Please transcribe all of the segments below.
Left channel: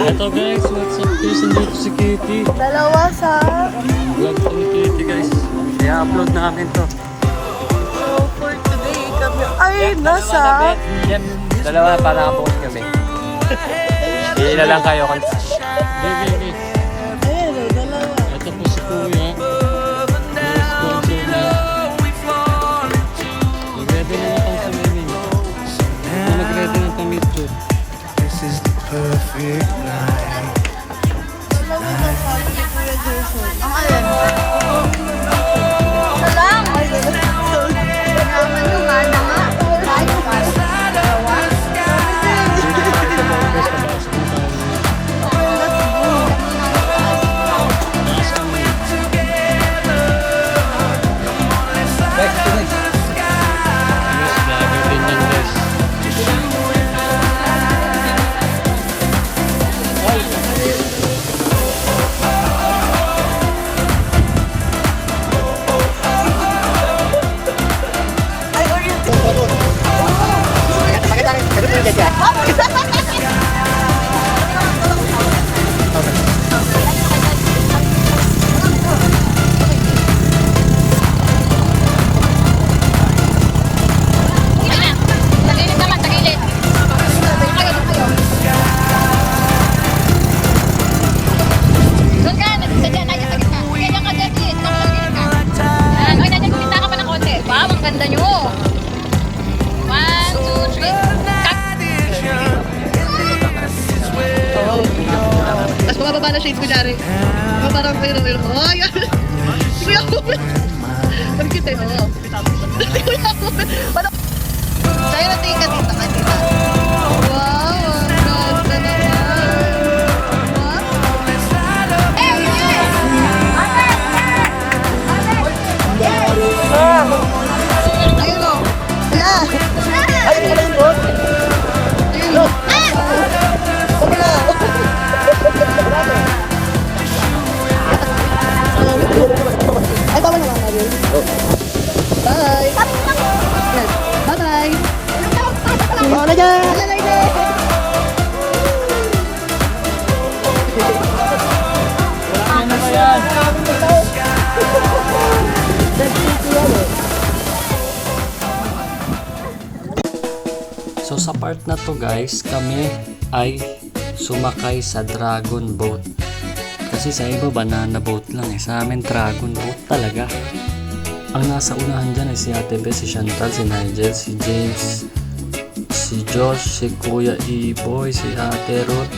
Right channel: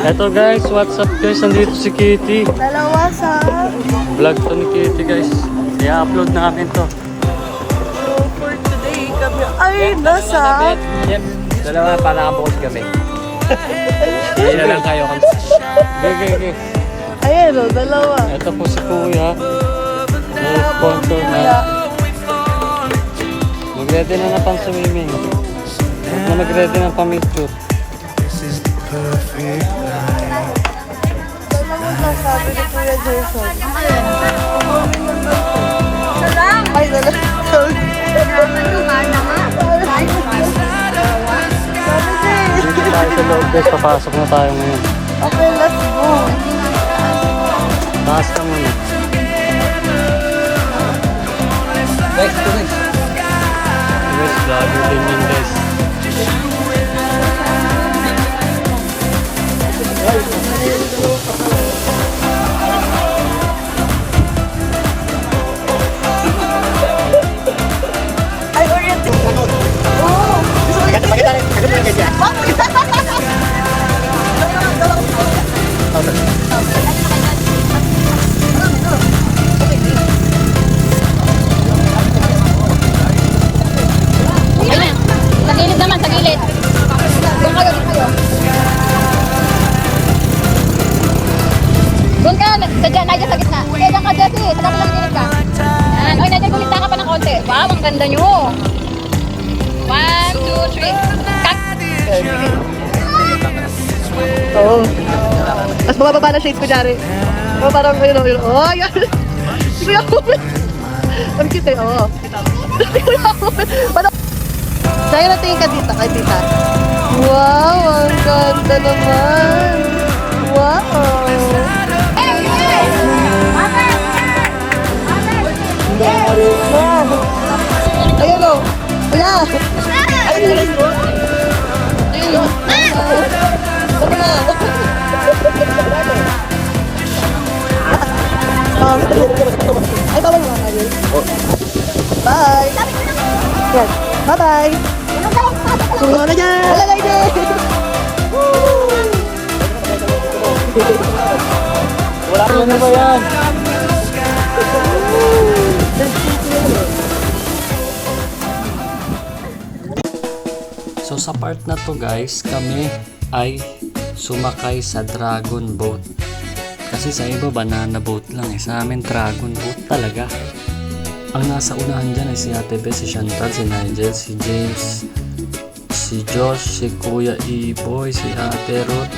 Ito guys, what's up guys? Nandito si Kitty. Dalawa sa... Vlog to ni Kitty guys. I-upload namin to. So for today kami ay nasa... Yep. Dalawa para nakabukas kami. Hindi na lang kayo. Okay. Ayan o, dalawa. Ito po si Kuya. May sponsor na. Mag-ready na na pang swimming. At mag-ready na pang picture. Perfect night. Ano naman sabi ni Kuya Jason? Ang alin? Salam! Ay, salam. Naman yung mana nga. Tayo ba? Dalawa? Dito tayo sa loob guys. Papasok na tayo ngayon. Okay, let's go. Taas ka muna. Guys, ito guys. Guys, grabe din yan guys. Ay, oriented. Tagilid naman, tagilid. Doon ka, nandiyan sa gitna. Kailan ka dati, stop lang yun ka. Ay, nandiyan sa gitna ka pa ng konti. Wow, ang ganda nyo. 1, 2, 3. Mas bumababa na shades ko, Jari. Oh, parang yun. Oh, yan. Si Kuya Kuya. Ang cute eh, oo. Si Kuya Kuya. Dahil natin ka dito, kay tita. Wow, ang ganda naman. Wow. Ayun o. Ayan. Ayun o. Ayun o. Ay, bawal nga kami. Bye! Bye-bye! Oh, na dyan! So sa part na to guys, kami ay sumakay sa dragon boat. Kasi sa iba banana boat lang eh. Sa amin dragon boat talaga. Ang nasa unahan dyan ay si Ate Beth, si Chantal, si Nigel, si James, si Josh, si Kuya E-Boy, si Ate Ruth.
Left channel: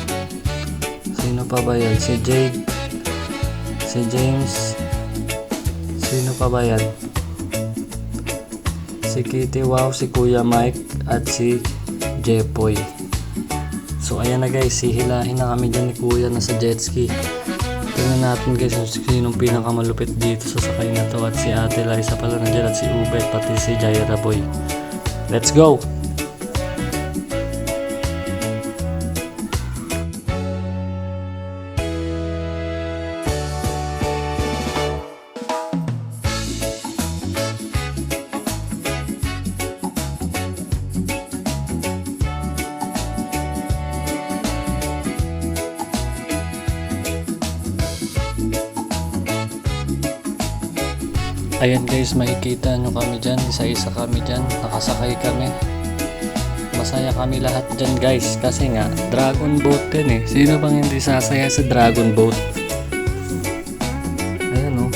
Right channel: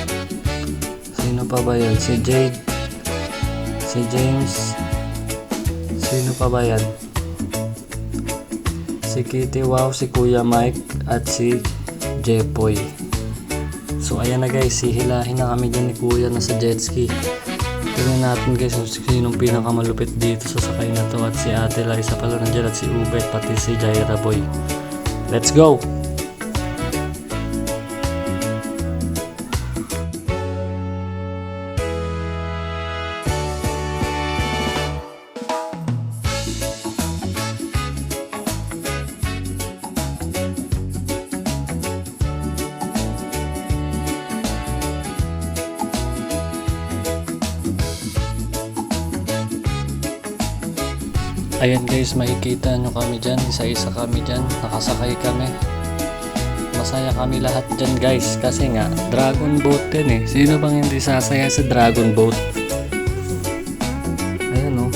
Sino pa ba yan? Si Jade, si James. Sino pa ba yan? Si Kitty Wow, si Kuya Mike, at si Jepoy. So ayan na guys, hihilahin na kami dyan ni Kuya na sa jet ski. Tingnan natin guys kung sinong pinakamalupit dito sa sakay na to. At si Ate Liza pala nandiyan, at si Ubet, pati si Jaira Boy. Let's go! Ayan guys, makikita nyo kami dyan. Isa-isa kami dyan. Nakasakay kami. Masaya kami lahat dyan guys. Kasi nga, dragon boat din eh. Sino bang hindi sasaya sa dragon boat? Ayan oh.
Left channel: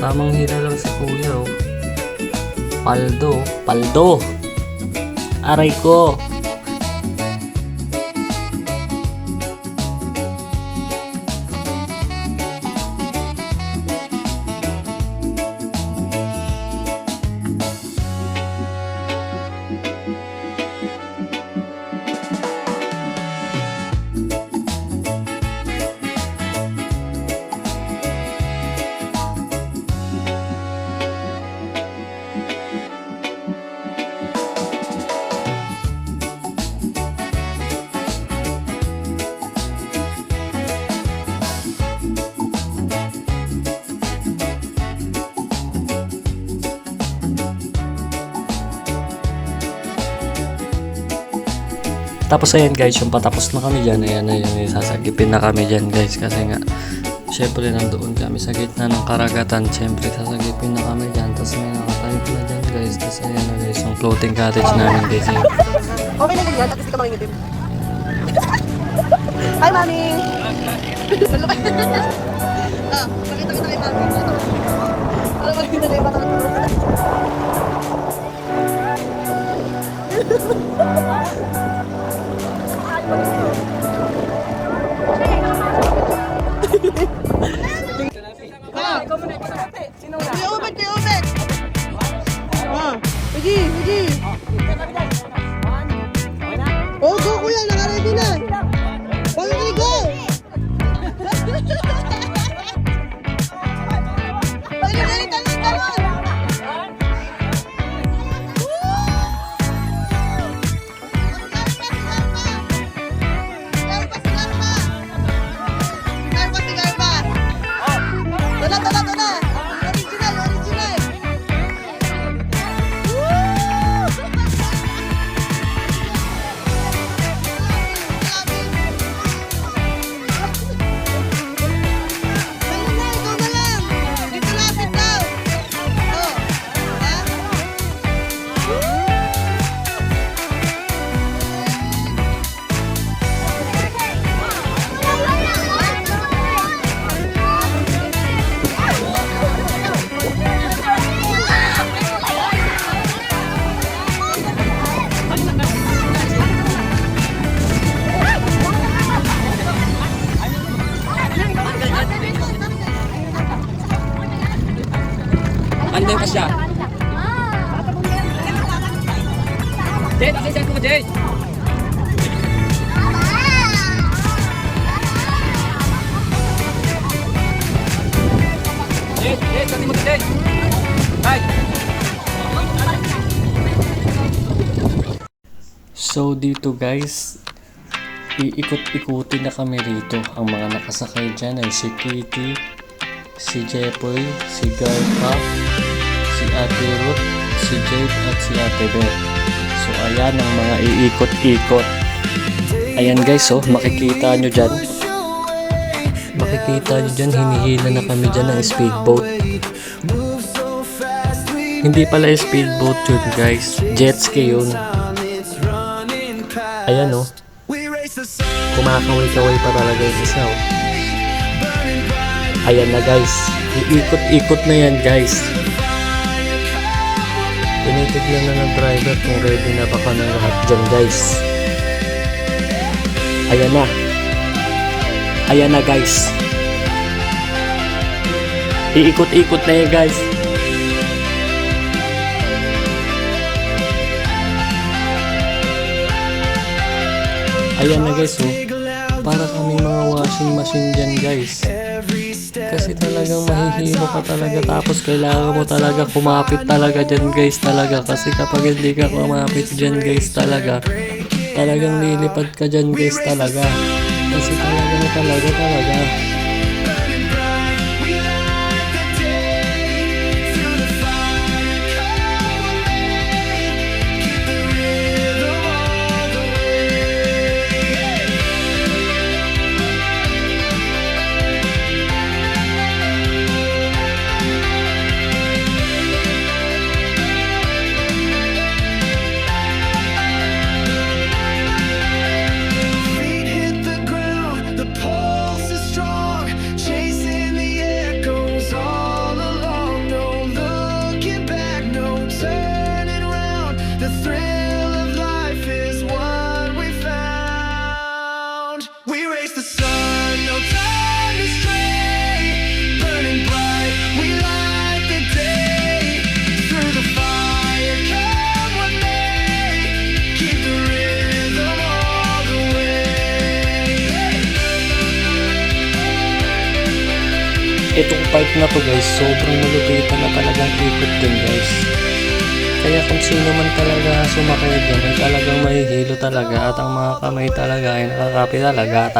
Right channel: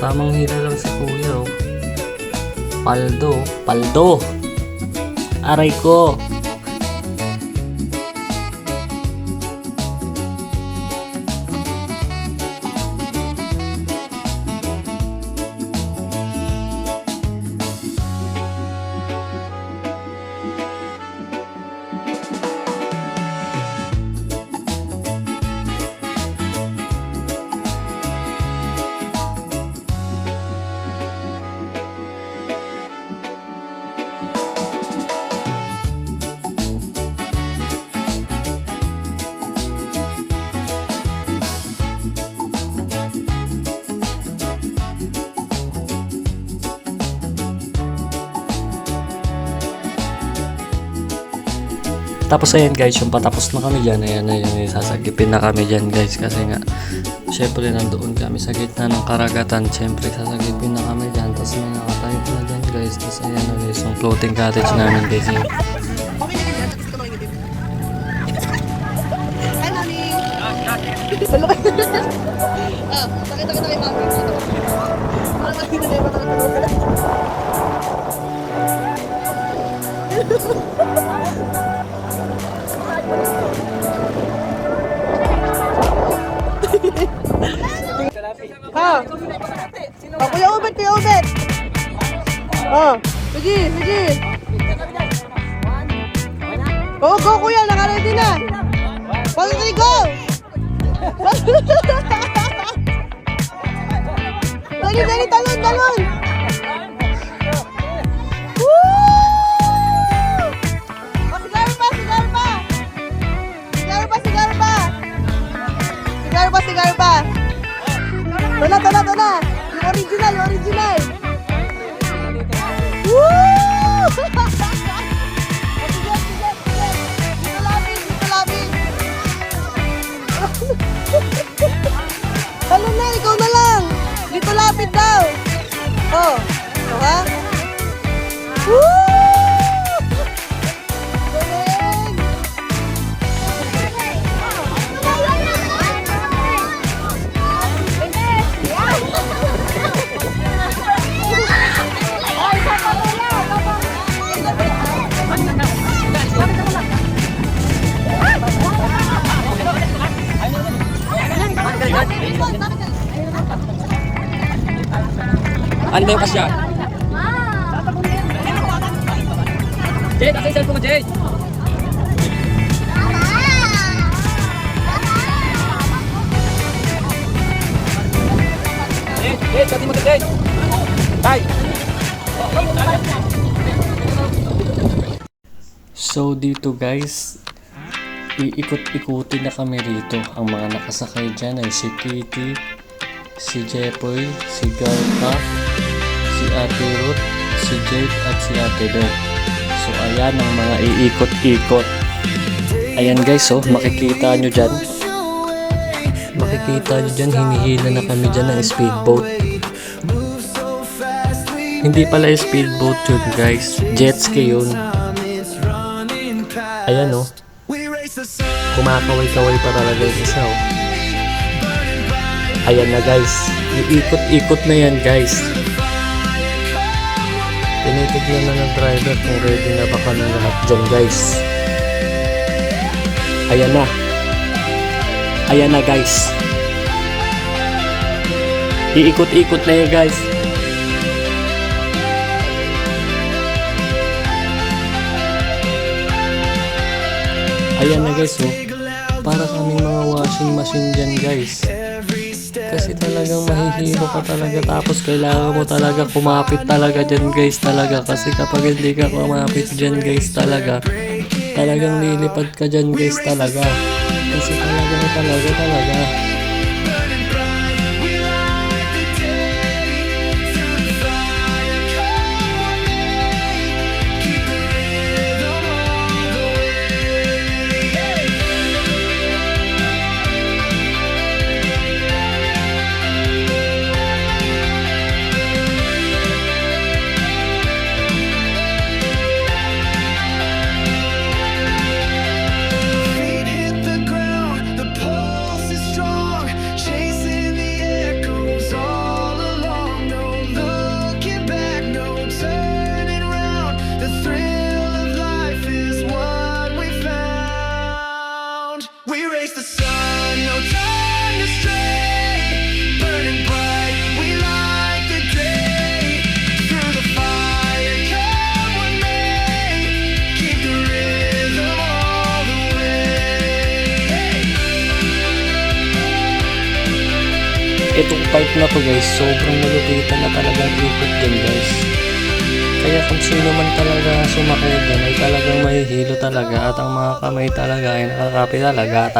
Tamang hila lang si Kuya oh. Paldo. Paldo! Aray ko! Tapos ayan guys, yung patapos na kami dyan, ayan na yung sasagipin na kami dyan guys. Kasi nga, syempre nandoon kami sa gitna ng karagatan. Syempre sasagipin na kami dyan. Tapos may nakatayo na dyan guys. Tapos ayan na guys, yung floating cottage namin guys. Ayan. Okay na yan, tapos ka makinig. Hi, Mami! Pakita ko tayo namin. Para makita na yung patanggal. Ah, Kuya Obet, Kuya Obet! Ah, sige, sige! Oh, go kuya, naka-ready na. Pag-ready, go! Ready, talon, talon! Woo! Sigar pa, sigar pa! Sigar pa, sigar pa! Sigar pa, sigar pa! Tala, tala, tala! Original, original! Woo! Ano na, ikaw na lang. Dito lapit daw. Oh, diba? Woo! Ano yung kasya? Jade, asa yung cellphone mo, Jade? Jade, kasi mo to, Jade. Bye. So dito guys, iikot-ikutin na kami rito. Ang mga nakasakay dyan ay si Kitty, si Jepoy, si Garpa, si Ate Ruth, si Jade at si Ate Beth. So ayan ang mga iikot-ikot. Ayan guys, oh, makikita nyo dyan. Makikita nyo dyan, hinihila na kami dyan ng speedboat. Hindi pala speedboat yun guys, jet ski yun. Ayan oh, kumakaway-kaway pa talaga yung isa oh. Ayan na guys, iikot-ikot na yan guys. Tinitignan na ng driver kung ready na ba kami lahat dyan guys. Ayan na. Ayan na guys. Iikot-ikot na yan guys. Ayan na guys oh. Para kaming mga washing machine dyan guys. Kasi talagang mahihilo ka talaga. Tapos kailangan mo talaga kumapit talaga dyan guys talaga. Kasi kapag hindi ka kumapit dyan guys talaga, talagang lilipad ka dyan guys talaga. Kasi talaga. The thrill of life is what we found. We race the sun, no time to stray. Burning bright, we light the day. Through the fire, come what may. Keep the rhythm all the way. Itong part na to guys, sobrang malupitan na talagang ikot dun guys. Kaya kung sino man talaga sumakay dun ay talagang mahihilo talaga. At ang mga kamay talaga ay nakakapi talaga.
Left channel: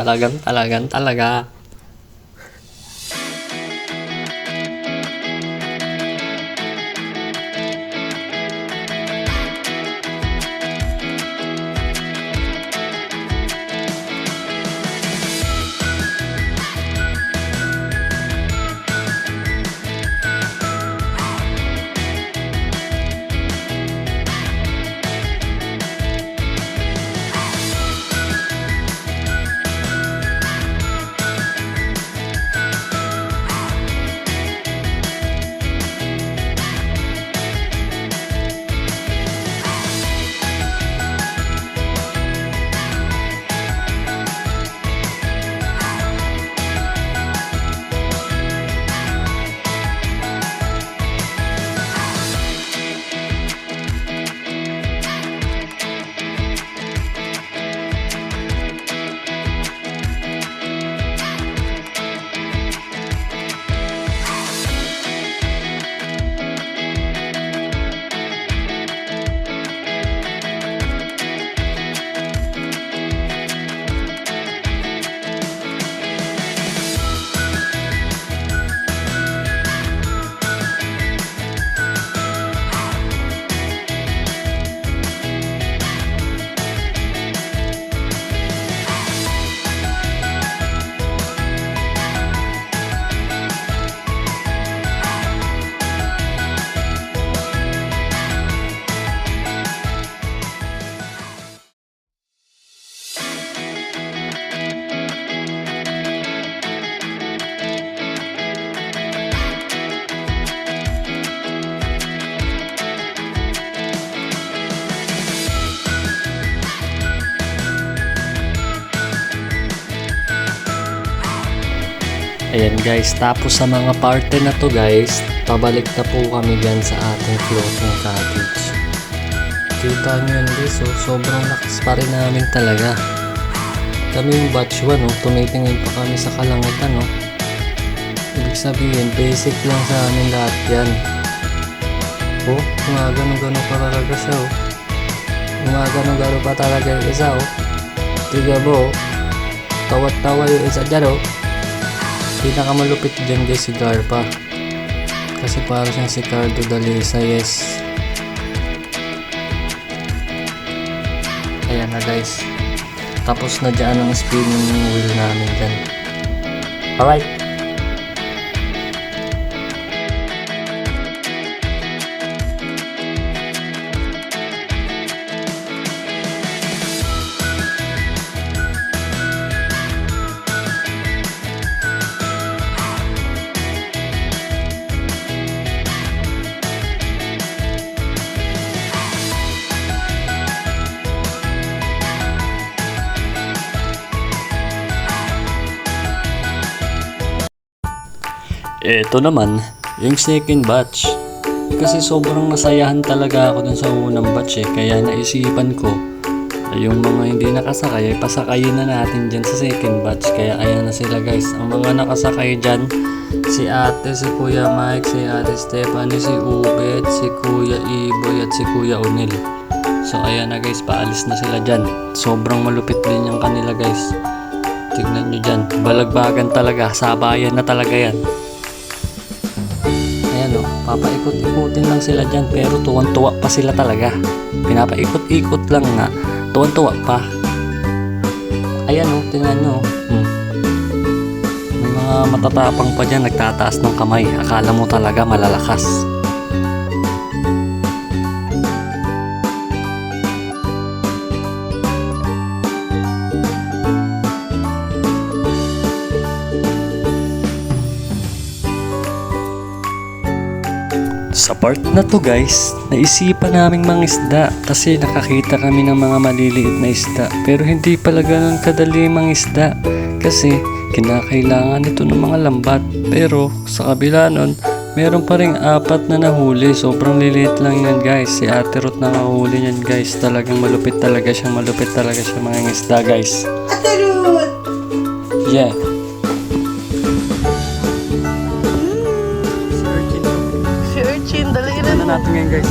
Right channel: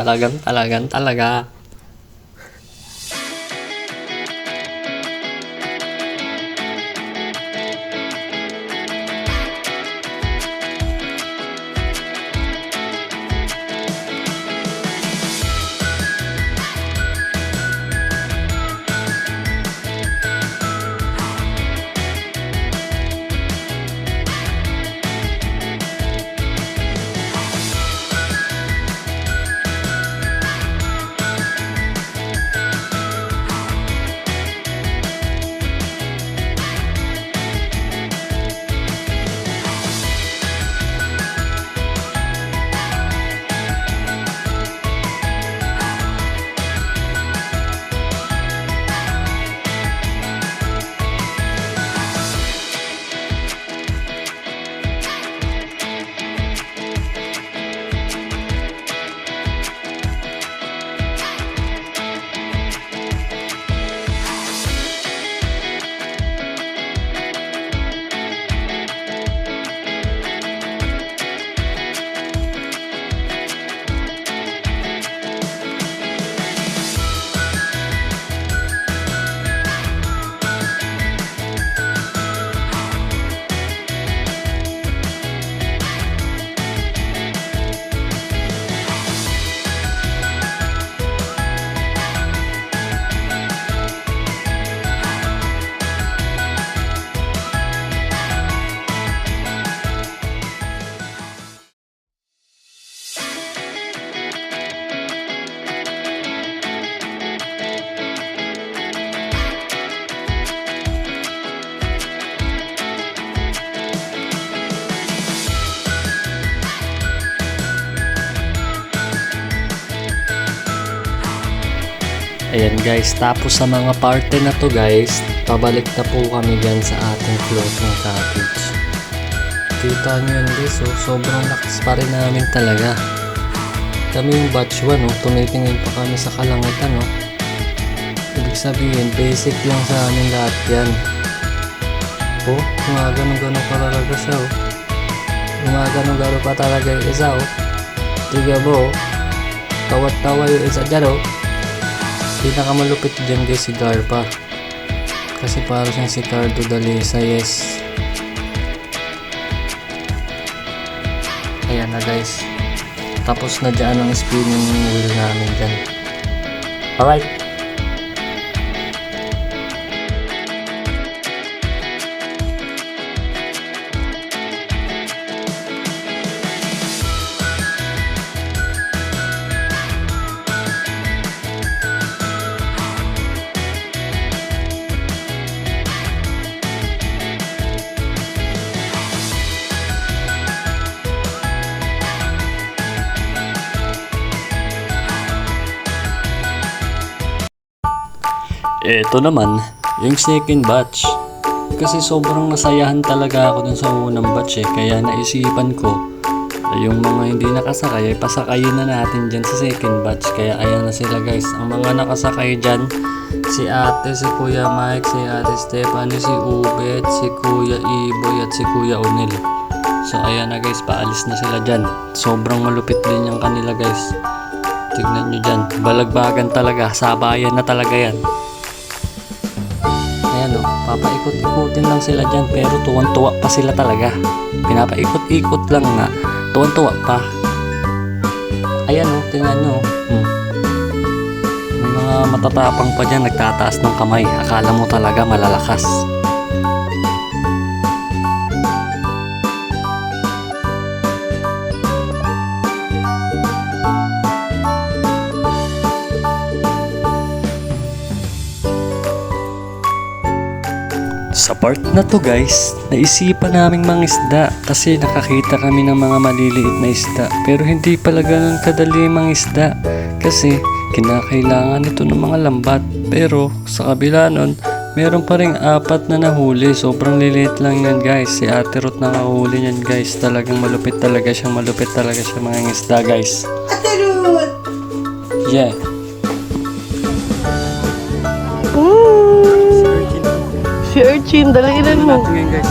Ayan guys, tapos sa mga parte na to guys, pabalik na po kami dyan sa ating floating cottage. Kita nyo yun guys, oh, sobrang lakas pa rin namin talaga. Kami yung batch 1, oh, tumitingin pa kami sa kalangitan. Oh. Ibig sabihin, basic lang sa amin lahat yan. Oh, gumagano-gano pa talaga siya. Oh. Gumagano-gano pa talaga yung isa. Oh. Tiga mo, oh. Tawat-tawa yung isa dyan. Oh. Pinakamalupit dyan guys si Garpa. Kasi para siyang si Cardo Dalisa, yes. Ayan na guys. Tapos na dyan ang spinning wheel namin dyan. Alright. Ito naman, yung second batch. Kasi sobrang nasayahan talaga ako dun sa unang batch kaya naisipan ko yung mga hindi nakasakay ay pasakayin na natin dyan sa second batch. Kaya ayan na sila guys. Ang mga nakasakay dyan, si ate, si Kuya Mike, si ate Stephanie, si Ubet, si Kuya Iboy at si Kuya Onil. So ayan na guys, paalis na sila dyan. Sobrang malupit din yung kanila guys. Tignan nyo dyan, balagbagan talaga, sabayan na talaga yan. Ayan o, papaikot-ikutin lang sila dyan pero tuwan-tuwa pa sila talaga. Pinapaikot-ikot lang nga, tuwan-tuwa pa. Ayan o, tingnan nyo. May mga matatapang pa dyan, nagtataas ng kamay. Akala mo talaga malalakas. Sa part na to guys, naisipan naming mangisda kasi nakakita kami ng mga maliliit na isda pero hindi pala ganun kadali mangisda kasi kinakailangan ito ng mga lambat pero sa kabila nun, meron pa ring 4 na nahuli. Sobrang liliit lang yan guys. Si Ate Ruth nakahuli yan guys. Talagang malupit talaga siya mga isda guys. Ate Ruth! Yeah. Si Urchin, dalang ilan mo? Natin ngayon guys.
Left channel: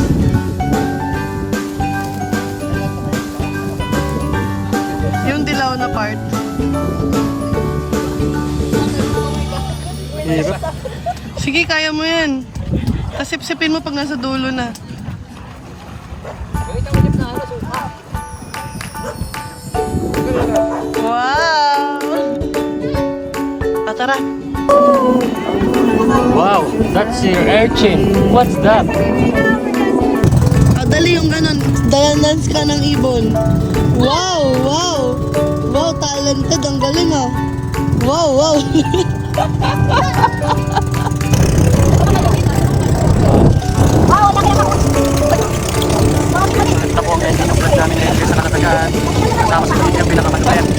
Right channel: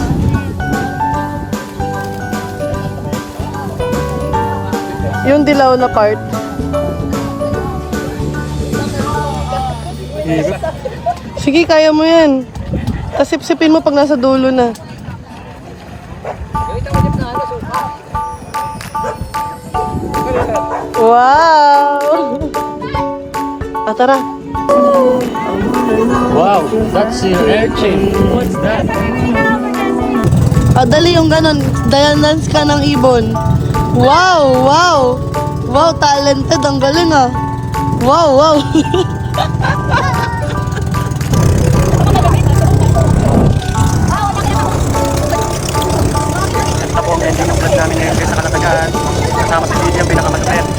Yung dilaw na part. Hirap. Sige, kaya mo yan. Tasip-sipin mo pag nasa dulo na. Wow! Tara. Wow, that's your urchin. What's that? Dali yung ganon. Dance ka ng ibon. Wow! Wow! Wow, talented. Ang galing ah. Wow! Wow! Ito po ang ending ng vlog namin ngayon guys sa Kalatagan. Kasama si Lydia ang pinakamalupit.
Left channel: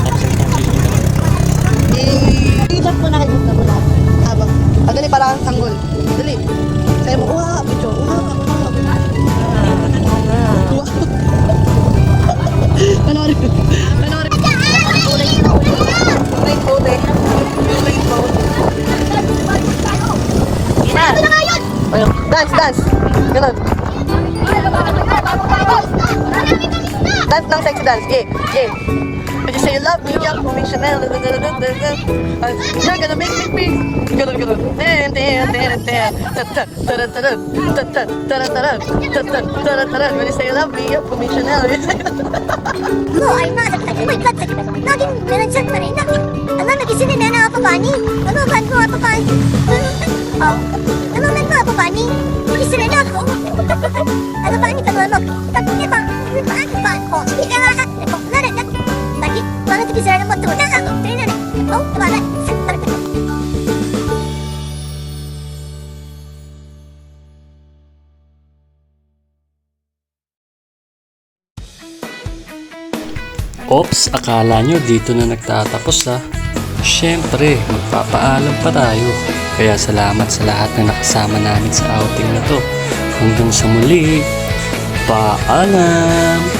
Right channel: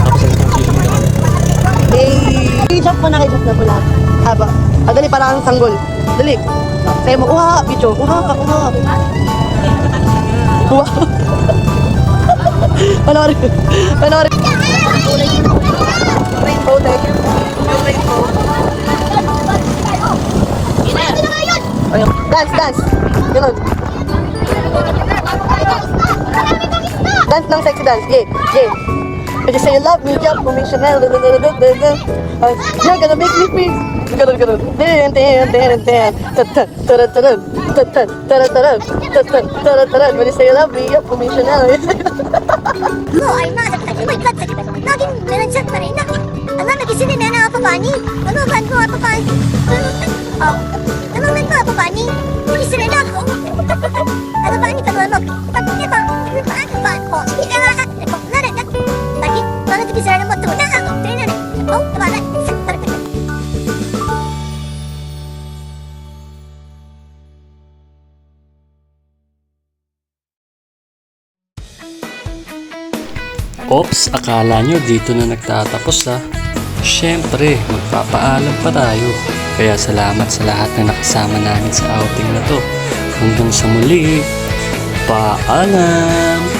Tapos ito ang sisig naman. I-jump mo na kayo. Haba. Dali pa lang ang sanggol. Dali. Sa'yo mo, uha, bicho. Uha ka. Wow. Panoorin. Rainbow dahil. Yung rainbow. Dance. Ganun. Dance ng sexy dance. Game. I just say you love me, jump for me, Chanel. You're gonna make me feel. Ganun. When you say you love me, jump for me, Chanel. लो आईना लगता है कोई गलत से नागिन मेरा जग पर है ना अल्लाह ने किसी ने नैना आप पानी अल्लाह मन को आप पानी अल्लाह मन को आप पानी किसी ने ना को अल्लाह पानी का लो तब के पानी को ये ना ना रे ताकि mana tu bisa ada motor na trainer ni oh mana sektor Ops, akala nyo dito na nagtatapos ha. Siyempre, magpapaalam pa tayo. Kaya salamat sa lahat na nakasama namin sa outing na to. Hanggang sa muli, paalam!